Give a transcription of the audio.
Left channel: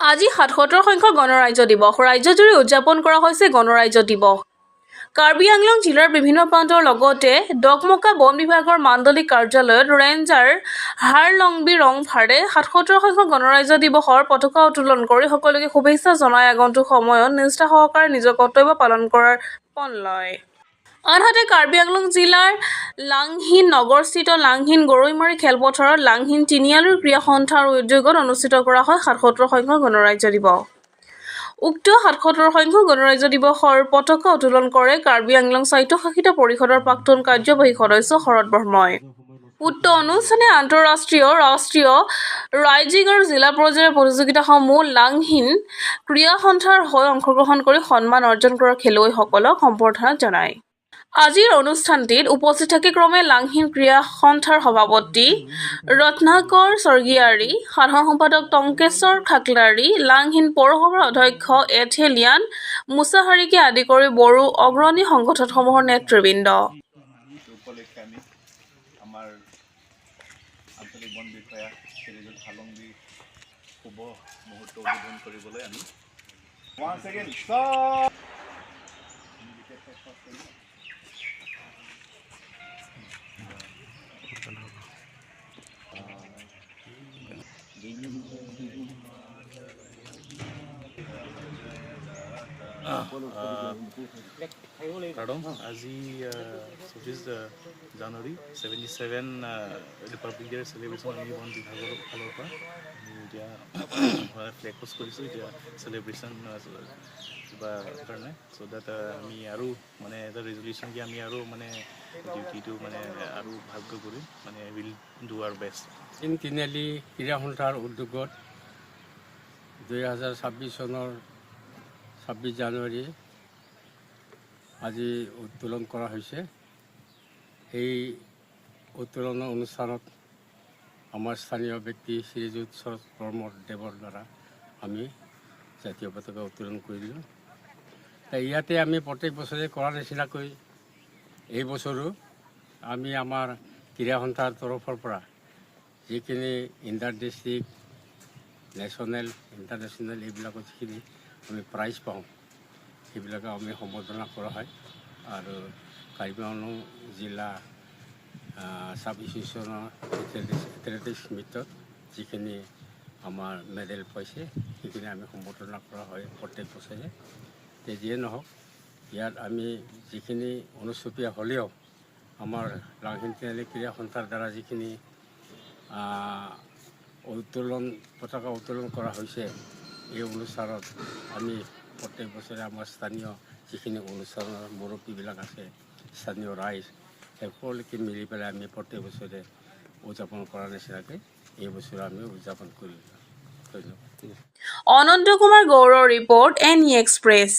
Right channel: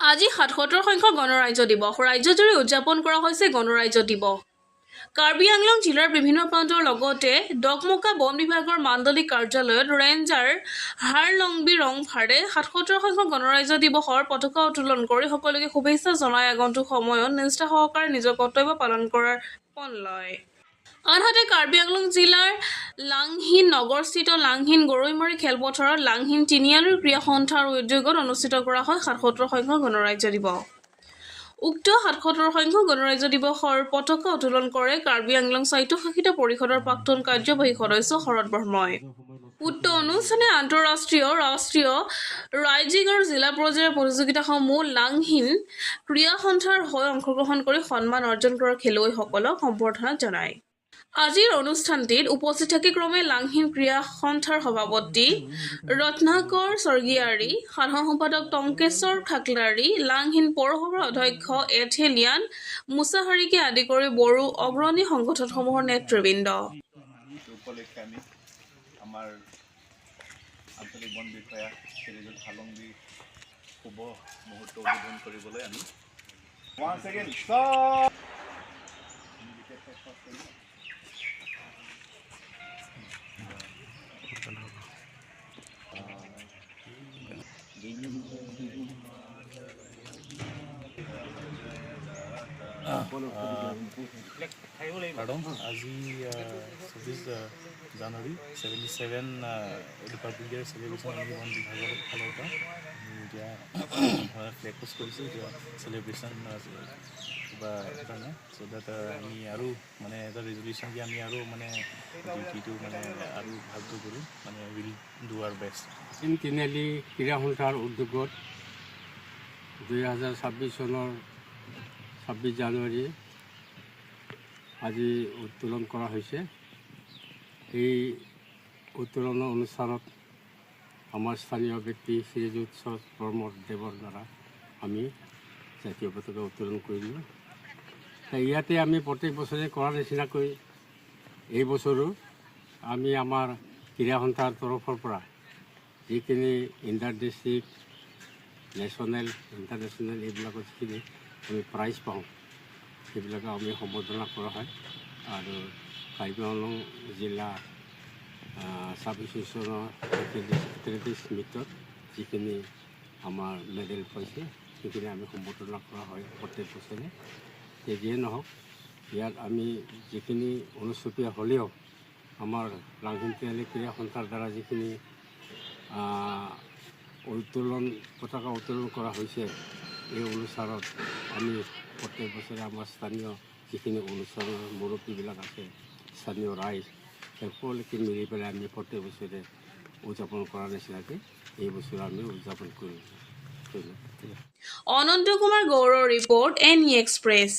আজি ৭৭ সংখ্যক গণৰাজ্য দিৱস ৰাজ্যজুৰি উদযাপন কৰা হৈছে গণৰাজ্য দিৱস। কাৰ্বি আংলং জিলাৰ বিভিন্ন প্ৰান্তৰ লগতে ডকমকা বন বিভাগৰ মাণ্ডলিক কাৰ্যালয়ত ৰেঞ্জাৰ হাৰলংবি ৰংফাৰে ৭৭ সংখ্যক গণৰাজ্য দিৱসৰ পতাকা উত্তোলন কৰি সকলোকে শুভেচ্ছা জনাই আগন্তুক সময়ত নিষ্ঠা সহকাৰে নিজৰ কৰ্তব্য পালন কৰাৰ পণ লয়। আনহাতে কাৰ্বি আংলং জিলাৰ লাংহিন নগৰস্থিত লাংহিন গৰৈমাৰী খেলপথাৰত লাংহিন তিনিআলিৰ ক্ৰীড়া সন্থাৰ উদ্যোগত অনুষ্ঠিত কৰা হয় ৭৭ সংখ্যক গণৰাজ্য দিৱস। উক্ত ৭৭ সংখ্যক গণৰাজ্য দিৱসৰ পতাকা উত্তোলন কৰে কাৰ্বি আংলং স্বায়ত্তশাসিত পৰিষদৰ প্ৰাক্তন কাৰ্যবাহী সদস্য শৰৎ বৰ্মই। উক্ত অনুষ্ঠানে আন্তঃৰাষ্ট্ৰীয়, ৰাষ্ট্ৰীয়, ৰাজ্যিক আৰু জিলা পৰ্যায়ৰ প্ৰতিযোগিতাসমূহ লাংহিন ক্ৰীড়া সন্থাৰ হৈ অংশগ্ৰহণ কৰি সন্মান অৰ্জন কৰা খেলুৱৈসকলক সম্বৰ্ধনা জনায়। আজিৰ অনুষ্ঠানটিত উপস্থিত থাকি ক্ৰমে লাংহিন ক্ৰীড়া সন্থাৰ সভাপতি ৰত্নাকৰ স্বৰ্গীয়াৰী, সাধাৰণ সম্পাদক টংকেশ্বৰ খাকলাৰী, লাংহিন পৌৰসভাৰ অধ্যক্ষ এথেলিয়ান মুছাহাৰীকে আদি কৰি বড়ো অগ্ৰণী সংগঠনসমূহৰ নেতৃবৃন্দ। উপলক্ষে আমি আমাৰ আঞ্চলিক বন বিষয়া শ্ৰীযুত হালংবি শুভ মুহূৰ্ত উদ্বোধন কৰিবলৈ আমি Pardon, আজি ২৪ জানুৱাৰী 77 ৰিপাব্লিক ডে চেলিব্ৰেশ্যন আমি বন বিভাগৰ ফালৰ পৰা এতিয়া ফ্লেগ পোষ্ট কৰিছোঁ এতিয়া চেলিব্ৰেশ্যন কিবা কাৰণে চ' ডেট আমি আৰু মানে এটা ৰেজলিউশ্যন কি আমি আৰু মানে ডিউটিটো মানে আৰু ভালকৈ কৰিম মানে উইল ডু আৱাৰ বেষ্ট। তিনিআলি ক্ৰীড়া সন্থাৰ উদ্যোগত 2026 চনৰ 26 জানুৱাৰী আজি উত্তোলন কৰা হৈছে। এই উত্তোলনৰ অনুষ্ঠানত আমাৰ স্থানীয় ব্যক্তি শ্ৰীযুত শৰৎ বৰ্মৰ দেৱৰ দ্বাৰা আমি জাতীয় পতাকা উত্তোলন কৰিলোঁ। ইয়াতে আমি প্ৰত্যেক বছৰে কৰাৰ নিচিনাকৈ এই বছৰো আমি আমাৰ ক্ৰীড়া সন্থাৰ তৰফৰ পৰা যিখিনি ইণ্টাৰ ডিষ্ট্ৰিক্ট, নেশ্যনেল, ইণ্টাৰনেশ্যনেল এইবিলাকত যিখিনি আমি প্ৰাইজ পাওঁ সেইবিলাকক আমি সম্বৰ্ধনা কৰা হয়। আৰু কাৰ্বি আংলং জিলা ছাব এছ'চিয়েশ্যনৰ এথলেটিক্স মিটত যিখিনি আমাৰ মেডেল পাইছে সেইখিনি আমি সম্বৰ্ধনা কৰা হয় প্ৰত্যেক বছৰে। যিয়ে নহওক ইয়াত আমি যিখিনি অনুষ্টুপীয়া হ'লেও আমাৰ লাংহিন তিনিআলি ক্ৰীড়া সন্থাৰ দ্বাৰা যিখিনি পতাকা উত্তোলন কৰা হৈছে এই অনুষ্ঠানত আমি প্ৰত্যেক বছৰে আমাৰ স্থানীয় যিখিনি অনুষ্ঠানৰ মুৰব্বীবিলাক আছে, স্থানীয় ৰাইজ সকলোকে মিলি পেলাই আমি প্ৰত্যেক বছৰে উদযাপন কৰাৰ নিচিনাকৈ এই বছৰ আমি উদযাপন কৰিম। ধন্যবাদ। অনন্ত কুমাৰ গৌড়ৰ ৰিপৰ্ট, NE এক্সপ্ৰেছ।